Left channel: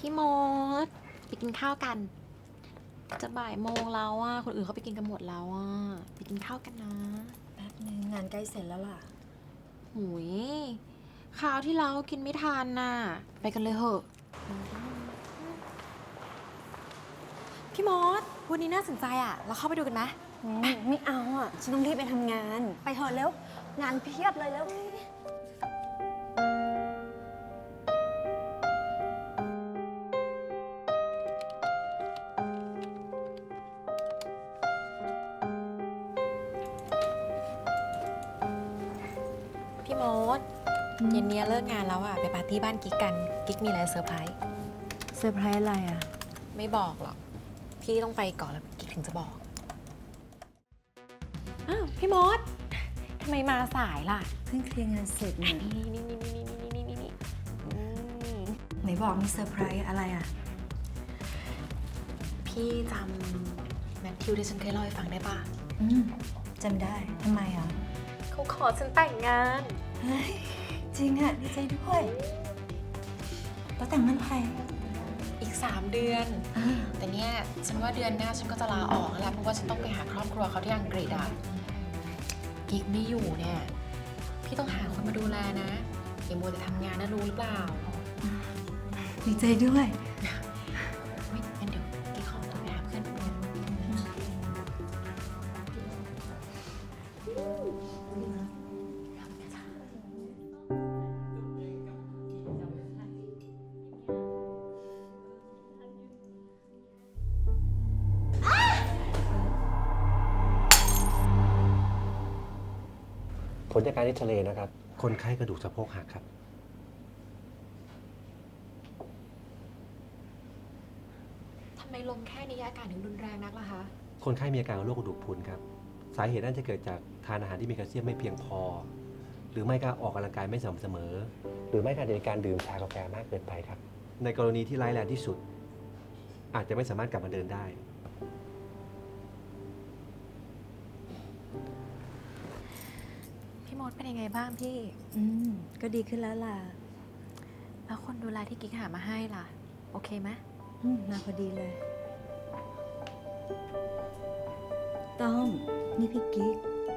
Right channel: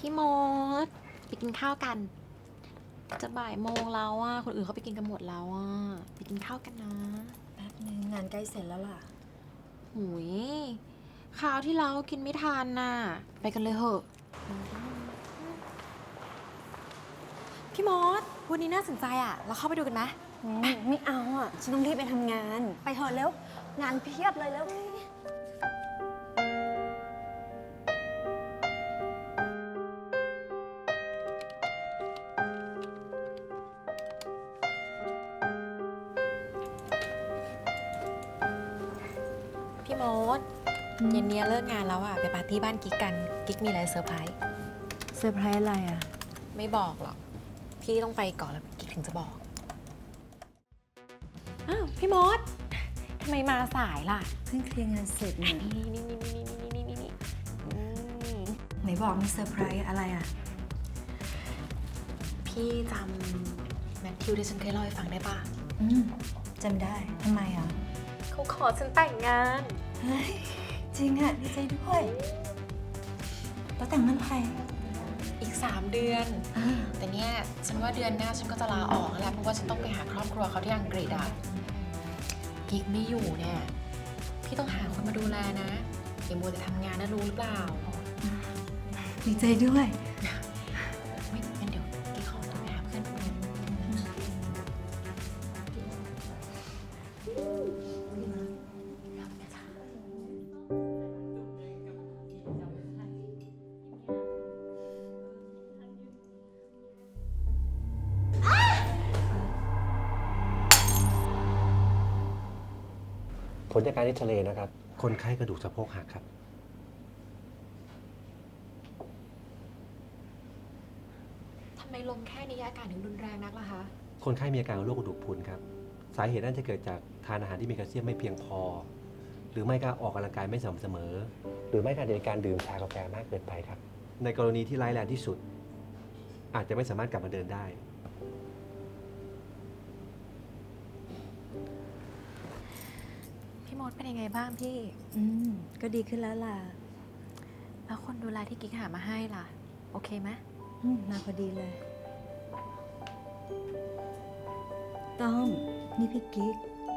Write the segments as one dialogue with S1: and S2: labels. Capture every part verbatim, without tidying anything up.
S1: พี่มดไปกินข้าวกันจะบ่ายโมงแล้วอ่ะคนอื่นเขาไปกินกันหมดแล้วอ่ะไปกินข้าวกันนะ
S2: แป๊บนึงงานใกล้เสร็จแล้วล่ะ
S1: หุยข้าวที่เรากินไม่ทันน่ะไปกันเลยเหอะพี่มดวันนี้น่าสนใจอ่ะเราเข้าไปดูกันไหม
S2: ไม่เอาอ่ะฉันต้องรีบไปทำงานไปเถอะเร็วงานเพียบเลยแล้ว
S1: พี่มดเย็นนี้เลิกงานแล้วอ่ะไปปาร์ตี้บ้านกิ๊กกันกิ๊กมีอะไรเซอร์ไพรส์
S2: เซอร์ไพรส์อะไรอ่ะ
S1: ไม่บอกหรอกพี่ต้องไปก่อนแล้วกิ๊กถึงจะบอกอ้าวพี่มดทำไมมาสายล่ะ
S2: เพิ่งเคลียร์งานเสร็จเนี่ย
S1: นี่นี่นี่นี่นี่นี่นี่นี่
S2: ไหนบอกมีเซอร์ไพรส์อะไรอ่ะ
S1: พี่จำแมทธิวที่ฉันเคยเล่าให้ฟังได้ป่ะ
S2: อืมจำได้ทำไมอ่ะ
S1: เขาขอฉันแต่งงาน
S2: เฮ้ยจริงอ่ะดีใจด้วยแล้วแต่งเมื่อไหร่
S1: อีกสามเดือนแต่เนี้ยฉันว่าเดือนหน้าฉันก็จะลาออกแล้วเพราะว่าฉันต้องไปหาครอบครัวเขาที่อังกฤษอ่ะกิ๊กไม่อยู่เนี่ยพี่ต้องหาคนมาดูแลนะอย่ามัวแต่ทำงานนะรู้หรือเปล่า
S2: ดีใจด้วย
S1: ไม่งั้นเดี๋ยวกิ๊กขอตัวไปหาเพื่อนแป๊บนึง
S3: ผลจากการเอ็กซเรย์นะครับคนไข้กระดูกสะโพกหักครับ
S1: ทำไมลมแค่นี้อาการถึงรุนแรงนักล่ะคะ
S3: คนไข้มีอาการโรคกระดูกพรุนครับสาเหตุน่าจะเกิดจากทานอาหารที่มีแคลเซียมไม่เพียงพอหรือไม่ก็ออกกำลังกายไม่สม่ำเสมอหรือไม่ก็ในการดื่มชากาแฟมากเกินไปครับในกรณีที่ร้ายแรงที่สุดอาจจะไม่สามารถกลับมาเดินได้
S1: พี่มดเป็นยังไงบ้างพี่
S2: อืมก็ดีขึ้นแล้วล่ะ
S1: แล้วคนดูแลที่กิ๊กหามาให้ล่ะโอเคไหม
S2: อืมมาพอดีเลยต้อมนี่พี่กิ๊ก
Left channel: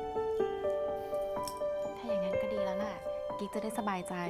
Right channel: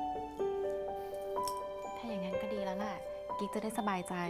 S1: ถ้าอย่างนั้นก็ดีแล้วล่ะกิ๊กจะได้สบายใจ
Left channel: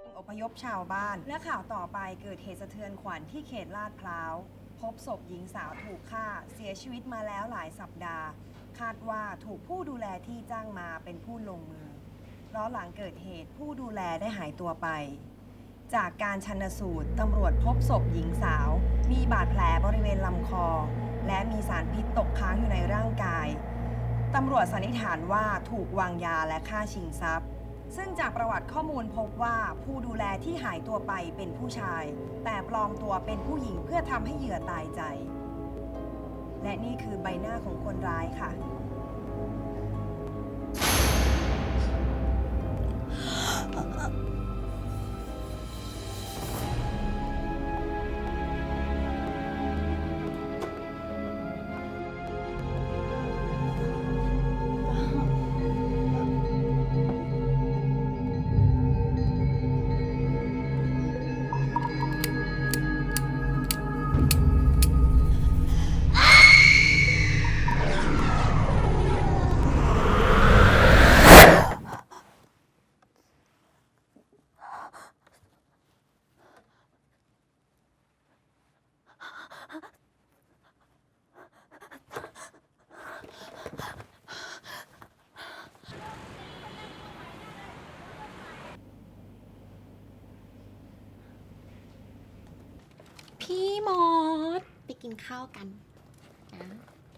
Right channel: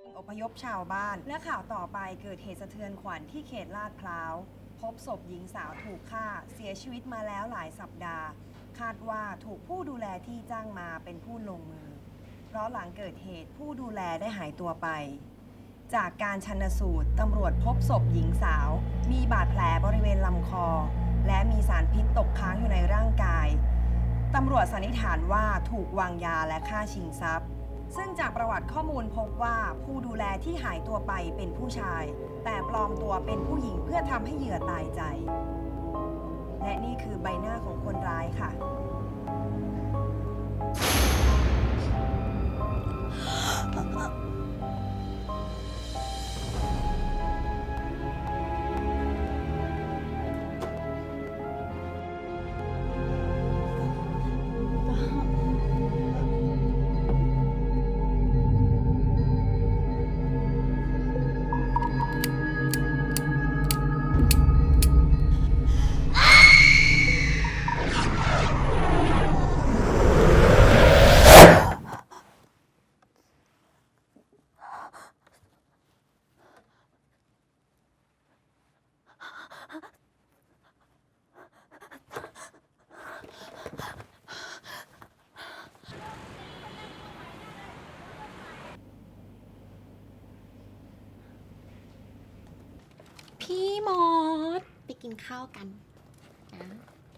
S1: พี่มดไปกินข้าวกันนะ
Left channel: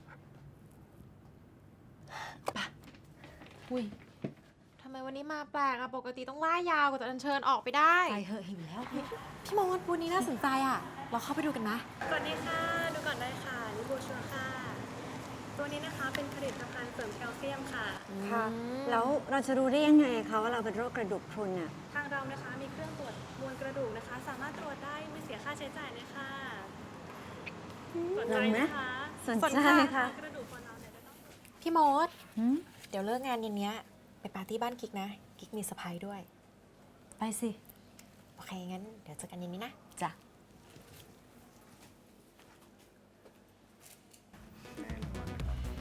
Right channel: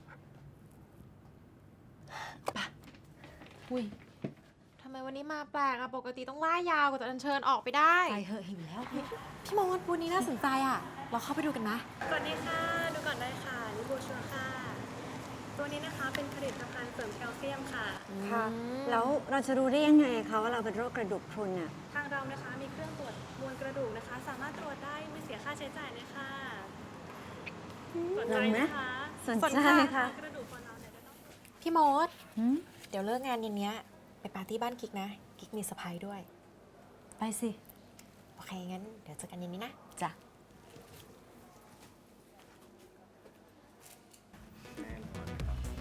S1: ปะอุ้ยทำไมวันนี้มาแปลกอะปกติต้องล่ายาวกว่าจะอัญเชิญออกไปได้
S2: ไปเหอะหิวแล้ว
S1: พี่มดวันนี้น่าสนใจอะเราเข้าไปดูกันนะ
S4: สวัสดีค่ะดูก่อนได้ค่ะนี่โบชัวค่ะตัวนี้นะคะเป็นผลิตภัณฑ์เสริมแคลเซียมค่ะ
S2: ค่ะแล้วเราจะรู้ได้ยังไงคะว่าเราเป็นโรคกระดูกพรุนอ่ะ
S4: ทางเรานะคะมีเครื่องตรวจมวลกระดูกนะคะสามารถตรวจได้ไม่เสียค่าใช้จ่ายเลยค่ะสนใจไหมคะ
S2: สนใจค่ะ
S4: กระดูกคนเราเนี่ยจะต้อง
S1: พี่มดเดี๋ยวเลิกงานเย็นนี้ไปปาร์ตี้บ้านกิ๊กนะกิ๊กมีเซอร์ไพรส์ด้วย
S2: ไปสิ
S1: โอเคงั้นเดี๋ยวเจอกันเย็นนี้นะ
S2: จ้ะ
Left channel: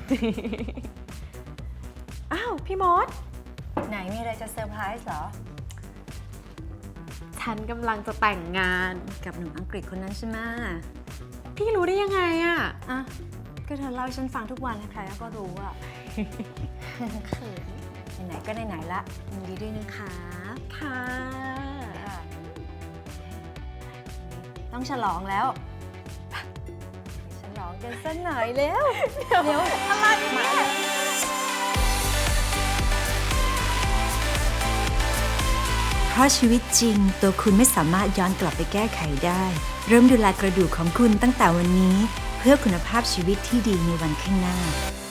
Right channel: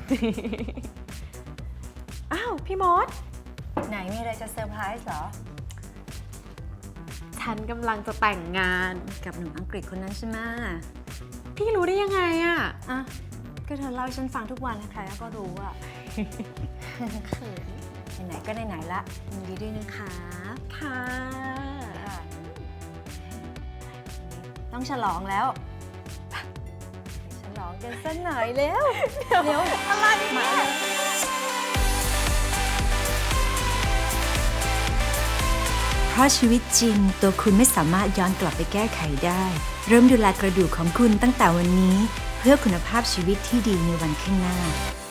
S1: อ้าว พี่มด
S2: ไหนมีอะไรจะเซอร์ไพรส์เหรอ
S1: ฉันกำลังจะแต่งงาน
S2: กับหนุ่มอังกฤษคนนั้นใช่ไหม
S1: พี่รู้ได้ยังไงอะ
S2: อ่ะ ก็เธอเล่าให้ฉันฟังทุกวันใครๆก็รู้อะ
S1: เขิน
S2: ไหนๆก็ไหนๆละยินดีด้วยนะคะ
S1: ค่ะ
S2: ค่ะต้องฉลองแล้วไปฉลองกันสักหน่อยเร็วเร็วอะไรมาเลยเพราะชีวิตจริงตัวคุณไม่สามารถย้อนกลับไปแก้ไขได้ เริ่มดูแลกระดูกของคุณตั้งแต่วันนี้ เพื่อคุณภาพชีวิตที่ดีในวันข้างหน้า